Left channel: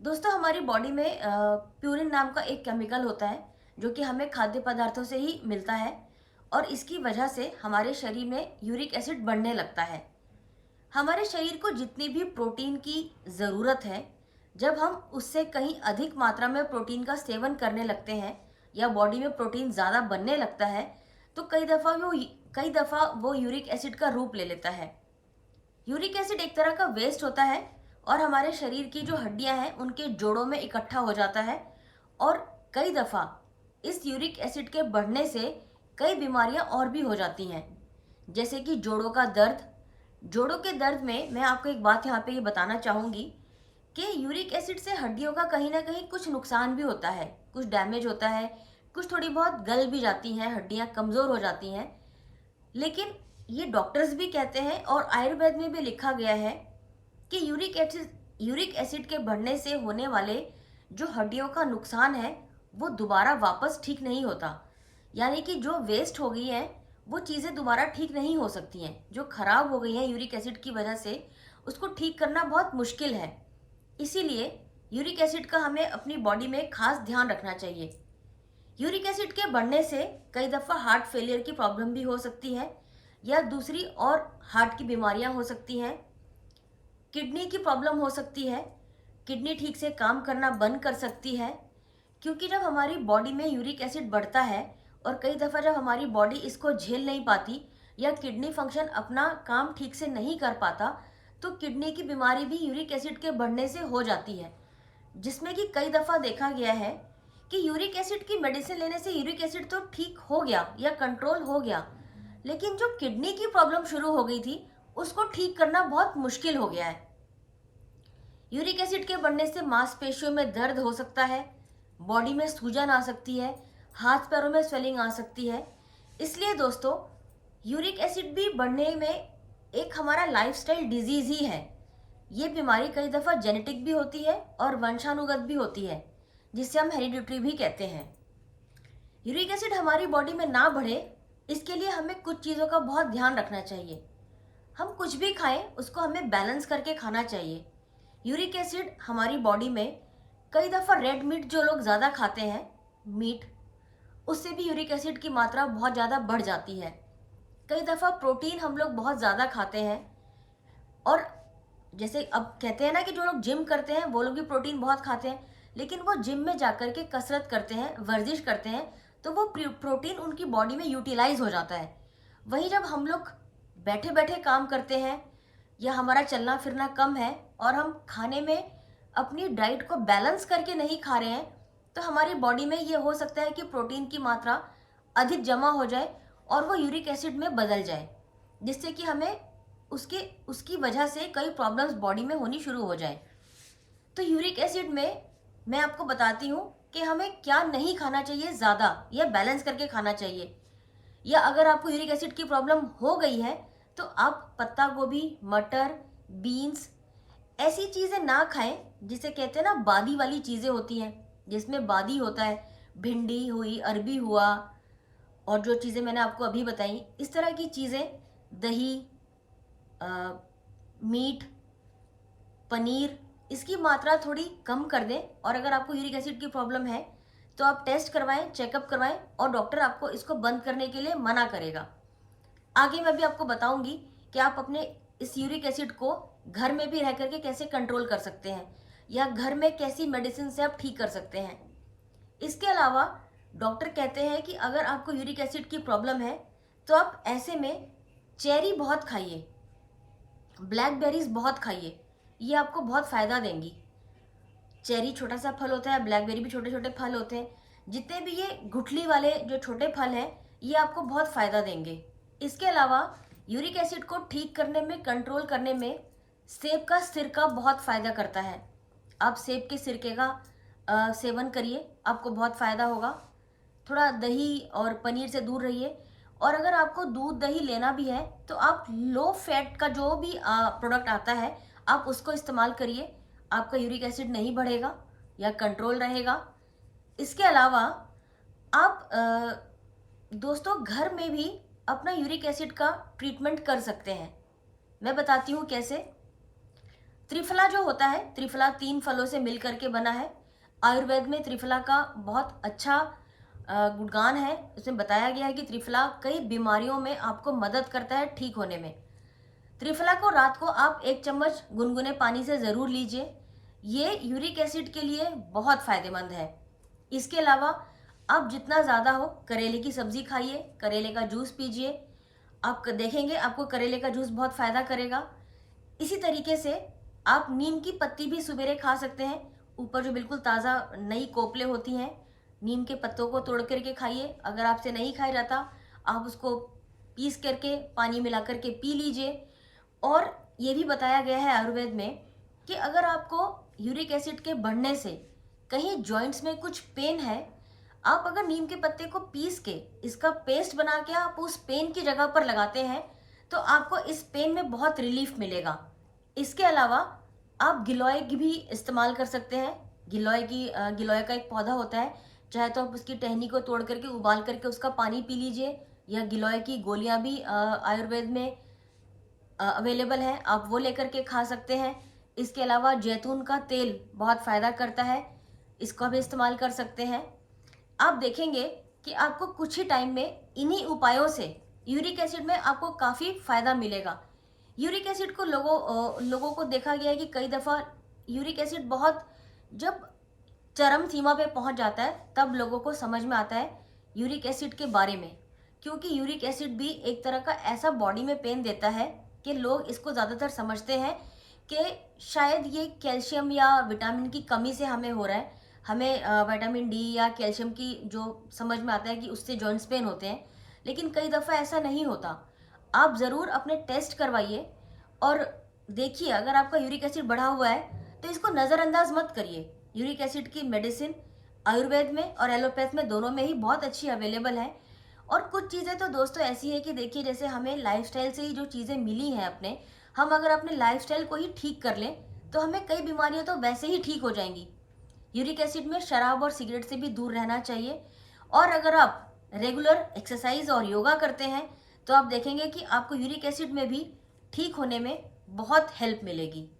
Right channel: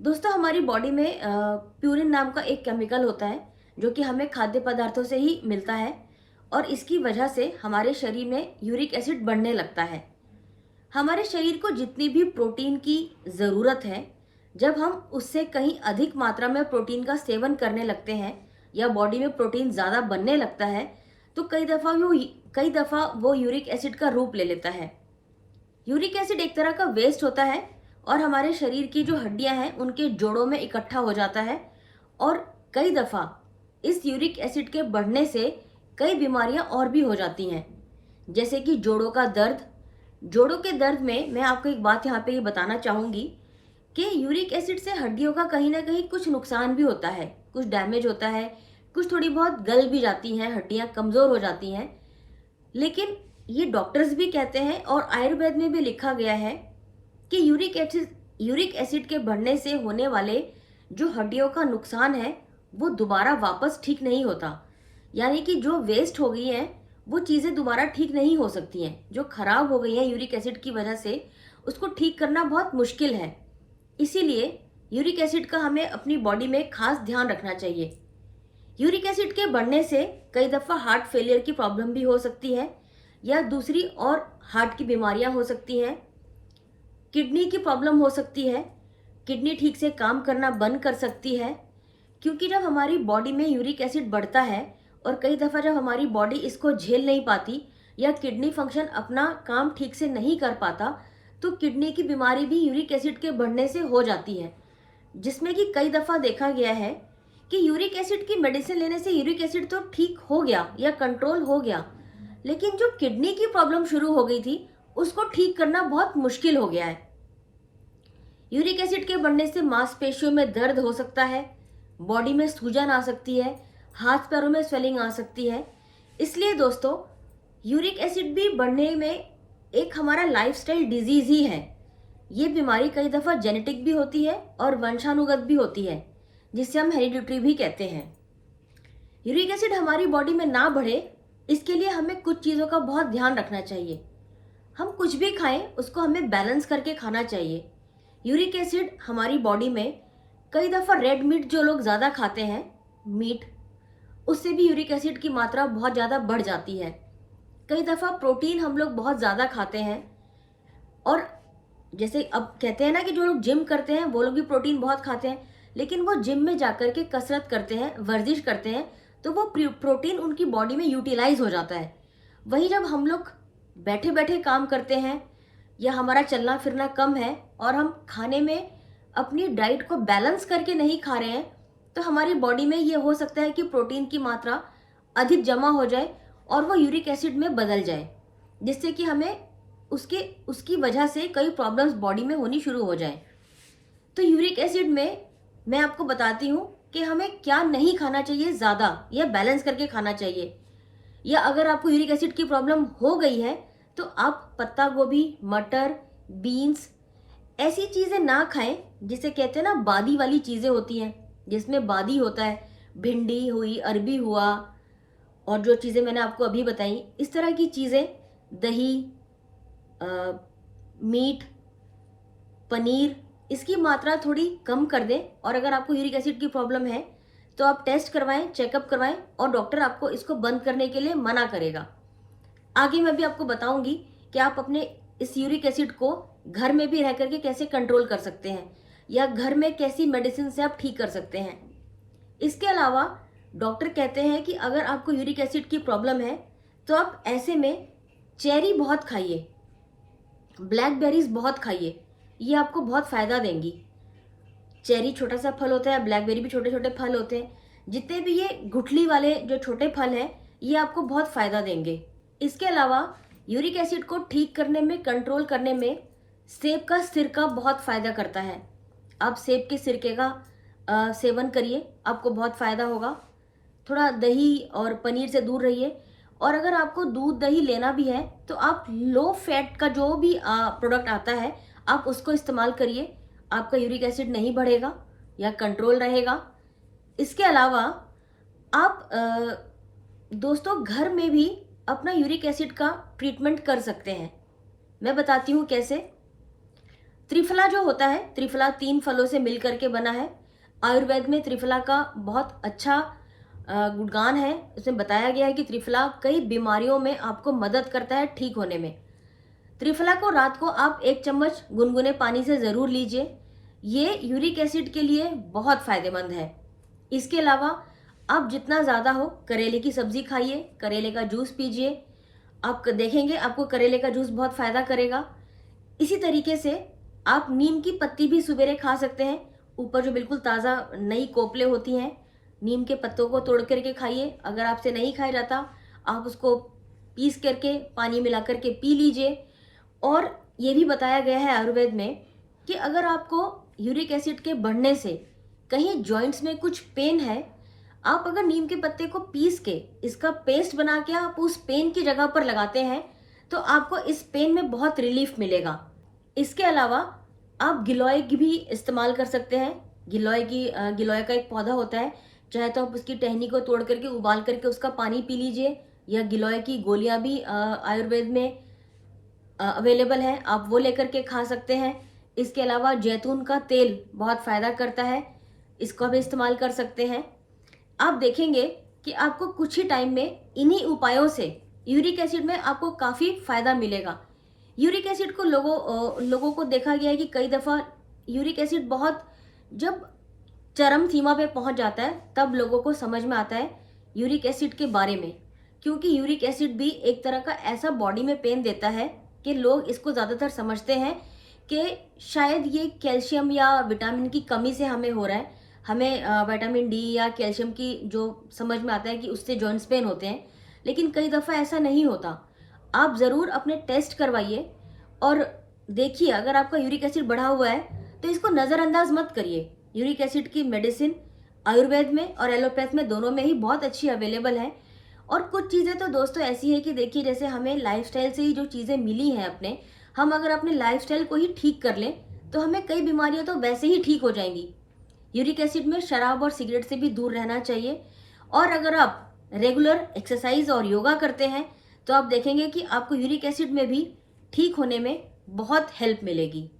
दोस्तों, हमारी बॉडी में प्यूरिन नाम का एक केमिकल होता है जो कि हमें खाद्य पदार्थों से ही मिलता है और इसकी वजह से हमारे शरीर में यूरिक एसिड बढ़ने लगता है। हमारे शरीर को जितनी भी प्रोटीन की ज़रूरत है, जब हम उससे कहीं अधिक मात्रा में प्रोटीन का सेवन करने लगते हैं या बॉडी में प्रोटीन ज़्यादा बनने लगता है, तो कई दफ़ा वो यूरिक एसिड का रूप ले लेता है। यूरिक एसिड एक तरह का वेस्ट होता है और हमारे शरीर की जो हड्डियां हैं उनके जोड़ों में इकट्ठा हो जाता है और कई दफा इस यूरिक एसिड के बढ़ने से कई बीमारियां और भी हो जाती हैं, जैसे कि जोड़ों का दर्द। जोड़ों के दर्द में मैं आपको एक बात यहाँ पे ये बताना चाहूंगी कि यूरिक एसिड से हड्डियों का कहीं ना कहीं कुछ नुकसान भी होता है, कुछ डैमेज होता है, कुछ थोड़ी बहुत गल भी जाती हैं, हड्डियां कमजोर हो जाती हैं। लेकिन ये डॉक्टर्स भी कहते हैं और आयुर्वेद में भी लिखा गया है कि यूरिक एसिड के बढ़ने से होने वाले जो हड्डियों का नुकसान है वो दोबारा वापस ठीक नहीं होता। यानी कि जो वेस्ट हो गई हैं वो चीज़ें दोबारा ठीक नहीं हो सकती हैं। जो खराब हो गई हैं यूरिक एसिड की वजह से, उसको ठीक करना बहुत मुश्किल है। इसीलिए यूरिक एसिड का हमें अपनी बॉडी में खास ध्यान रखना चाहिए। यूरिक एसिड के बढ़ने से कई दफ़ा हार्ट फेलियर की प्रॉब्लम भी हो सकती है या दूसरी और हार्ट की बीमारियां हो सकती हैं। किडनी की प्रॉब्लम हो सकती है, किडनी ठीक से काम करना बंद कर सकती है, क्योंकि जब हमारी बॉडी में यूरिक एसिड बढ़ता है और कई दफ़ा जब हमारी बॉडी इसको झेल नहीं पाती या किडनी फंक्शन अपना काम ठीक से नहीं कर पाता, तो किडनी की बीमारी भी यूरिक एसिड के बढ़ने से हो जाती है। जिसमें कि कई दफ़ा देखा गया है कि यूरिक एसिड की मेडिसिन लेने से यूरिक एसिड तो ठीक हो गया या कंट्रोल हो गया, लेकिन जो किडनी की प्रॉब्लम शुरू हो गई थी उसको ठीक करना बहुत मुश्किल हो गया है। यूरिक एसिड के बढ़ने से मांसपेशियों में दर्द हो सकता है, बॉडी में सूजन आ सकती है, हाथ पैरों में स्वेलिंग आ सकती है। इसलिए दोस्तों, यूरिक एसिड भी बढ़ने में एक हमारा लाइफस्टाइल डिजीज ही है। ये बीमारी कई दफ़ा जेनेटिक भी होती है और वंशानुगत भी होती है, जिसे हम हेरिडिटरी भी कहते हैं। यूरिक एसिड हमारी बॉडी में ना बढ़े, इसके लिए हमें कुछ चीज़ों का बहुत ध्यान रखना चाहिए। हम कुछ भी खाएं उसको हमें बैलेंस करके खाना चाहिए। यूरिक एसिड हमारी बॉडी में कई दफ़ा रेड मीट जो लोग ज़्यादा खाते हैं, मीट, उससे भी यूरिक एसिड की मात्रा बहुत ज़्यादा बढ़ जाती है। कई दफ़ा प्रोटीन हम लोग बहुत ज़्यादा खाते हैं और जैसे अब कहते हैं ना कि जो लोग जिम करते हैं वो लोग भी प्रोटीन बहुत खाते हैं, लेकिन वो जिम में जाकर के कसरत करते हैं, वर्जिश करते हैं, तो वो प्रोटीन उनकी बॉडी में यूटिलाइज हो जाता है। वहीं जब हम लोग बैठे बैठे काम करते हैं या हमारा चलना फिरना कम है और हम खाने में अपनी डाइट को बैलेंस करके नहीं खा रहे हैं, तो हमारी बॉडी में ये हो सकता है कि प्रोटीन की मात्रा अधिक जमा हो जाए और वो यूरिक एसिड में बदल जाए, जिससे कि हमें उसके उसकी वजह से कई प्रॉब्लम्स बॉडी में होनी शुरू हो जाए। तो यूरिक एसिड में मैं आपको बताती हूँ कि हमें क्या नहीं खाना चाहिए ज़्यादा या बैलेंस करके खाना चाहिए। या अगर आपको यूरिक एसिड की प्रॉब्लम हो गई है तो आप पत्ता गोभी, मटर, बीन्स, ऐसी चीज़ें ना खाएं जिसे कहते हैं ना बादी वाली चीज़ें होती हैं, जिसमें बादी होता है। भिंडी हुई, अरबी हुआ और जो चीज़ें मैंने आपको अभी बताई, इस तरह की चीज़ें, दही, मीट, पनीर, इसकी मात्रा थोड़ी कम कर दें। और अगर आपको यूरिक एसिड की प्रॉब्लम है तो आप टेस्ट करवाएं, चेकअप करवाएं और डॉक्टर आपको इसको बंद करने के लिए मना करेगा। आगे मैं भी आपको बताऊंगी कि आप अपने इस यूरिक एसिड को घर में भी रह करके कैसे कंट्रोल कर सकते हैं या घर में कैसी मेडिसिन से आप ठीक कर सकते हैं। इसके अलावा डॉक्टर कहते हैं कि अगर आपको यूरिक एसिड की प्रॉब्लम है तो आप ऐसे में चेरी बहुत खाइए, ब्लैकबेरीज बहुत खाइए, ये आपको बहुत फायदा देंगी। चेरी छोटा सा फल होता है, ब्लैकबेरी भी छोटे छोटे फल होते हैं। जितने भी ये गुठली वाले जो छोटे फल हैं, ये आपको बहुत फायदा देंगे। इसके अलावा यूरिक एसिड को ठीक करने में, कंट्रोल करने में सेब का सिरका बहुत फायदा करता है। आप सेब के सिरके का सेवन करिए, आपको बहुत फायदा होगा। थोड़ा दही और पनीर से दूर रहिए। और अगर आपको दूध दही लेना भी है तो आप लो फैट का जो भी प्रोडक्ट आता है आप उसको इस्तेमाल करिए। आपका यूरिक एसिड नहीं बढ़ेगा या कंट्रोल रहेगा। इसके अलावा आप दोस्तों घर में भी अपना यूरिक एसिड का ट्रीटमेंट कर सकते हैं। मैं बताती हूँ कैसे। त्रिफला जो होता है, त्रिफला 3 फलों से मिल करके बना है। आयुर्वेद में त्रिफला का बहुत अच्छा गुणगान है। उसमें बताया गया है कि त्रिफला कई बीमारियों में आपको मदद करता है ठीक होने में। त्रिफला को रात को आप 1 चम्मच गुनगुने पानी से ज़रूर लीजिए। ये यूरिक एसिड के लिए बहुत फायदेमंद है। इसके अलावा आप जितना ज़्यादा हो करेले की सब्जी खाइए, करेले का जूस पीजिए। आप देखेंगे आपको करेले का जूस बहुत फायदा करेगा। इसी तरीके से आप नीम की पत्ती भी सवेरे खा सकते हैं। ऊपर जो बिल्कुल ताज़ा नई कोपले होती हैं, नीम के पत्तों को तोड़ करके खाइए। अगर आपसे नहीं खाया जाता, आप उसको पीस करके पानी मिला करके पी लीजिए। और ये भी बताया गया है आयुर्वेद में कि अगर आपको यूरिक एसिड के बढ़ने से कहीं जॉइंट्स में कुछ पेन है, आप अगर नीम के पत्ते को पीस के इसका पेस्ट बना के आप उस पेन की जगह पर लगाते हैं तो आपको इस पेन में बहुत रिलीफ मिलेगा। इसके अलावा आप गिलोय की भी इस्तेमाल कर सकते हैं। गिलोय का एक पौधा होता है, चाहे तो आप उसकी टहनी को तोड़ करके उबाल करके उसका पानी पी लीजिए, या गिलोय की गोलियां भी आयुर्वेद में अवेलेबल है, आप वो लेकर के खा सकते हैं। इसके अलावा जैतून का तेल बहुत फ़ायदा करता है, इसको भी इस्तेमाल कर सकते हैं। आप देखेंगे कि आपको कुछ ही टाइम में इन्हीं उपायों से यूरिक एसिड में आपको काफ़ी फ़ायदा मिलेगा। यूरिक एसिड को लोगों को देखा गया है कि कई दफ़ा यूरिक एसिड बहुत जब चरम सीमा पे पहुंच जाता है तब लोगों को समझ में आता है यूरिक एसिड के बारे में, क्योंकि यूरिक एसिड भी एक तरह का ऐसा बॉडी में पेन देता है कि लोग इसको ज़्यादातर समझते हैं कि शायद ये कैल्शियम या विटामिन की कमी से हमें हो रहा है। हमें विटामिन डी या कैल्शियम की जो समझ में आता है कि उससे जॉइंट्स पेन होते हैं, लेकिन कई दफ़ा ऐसा नहीं होता। आप ज़रूर अपने टेस्ट करवाइए और देखिए अगर आपका यूरिक एसिड बढ़ा हुआ है तो इसको नज़रअंदाज मत करिए। यूरिक एसिड की मेडिसिन आयुर्वेद में और एलोपैथ में दोनों में ही बहुत अच्छी अवेलेबल है। और कुछ चीज़ें तो दोस्तों ऐसी है कि देखिए जैसे हमें लाइफस्टाइल से ही जो चीज़ें मिली हैं अपने, हम अगर अपने लाइफस्टाइल को ही ठीक कर लें तो हमें कई बीमारियां तो वैसे ही ठीक हो जाएंगी। यूरिक एसिड में शराब और सिगरेट से भी दूर रहना चाहिए। और अगर आप रेगुलर एक्सरसाइज और योगा करते हैं तो आप देखेंगे कि आपको यूरिक एसिड में भी ठीक होने में बहुत हेल्प मिलेगी।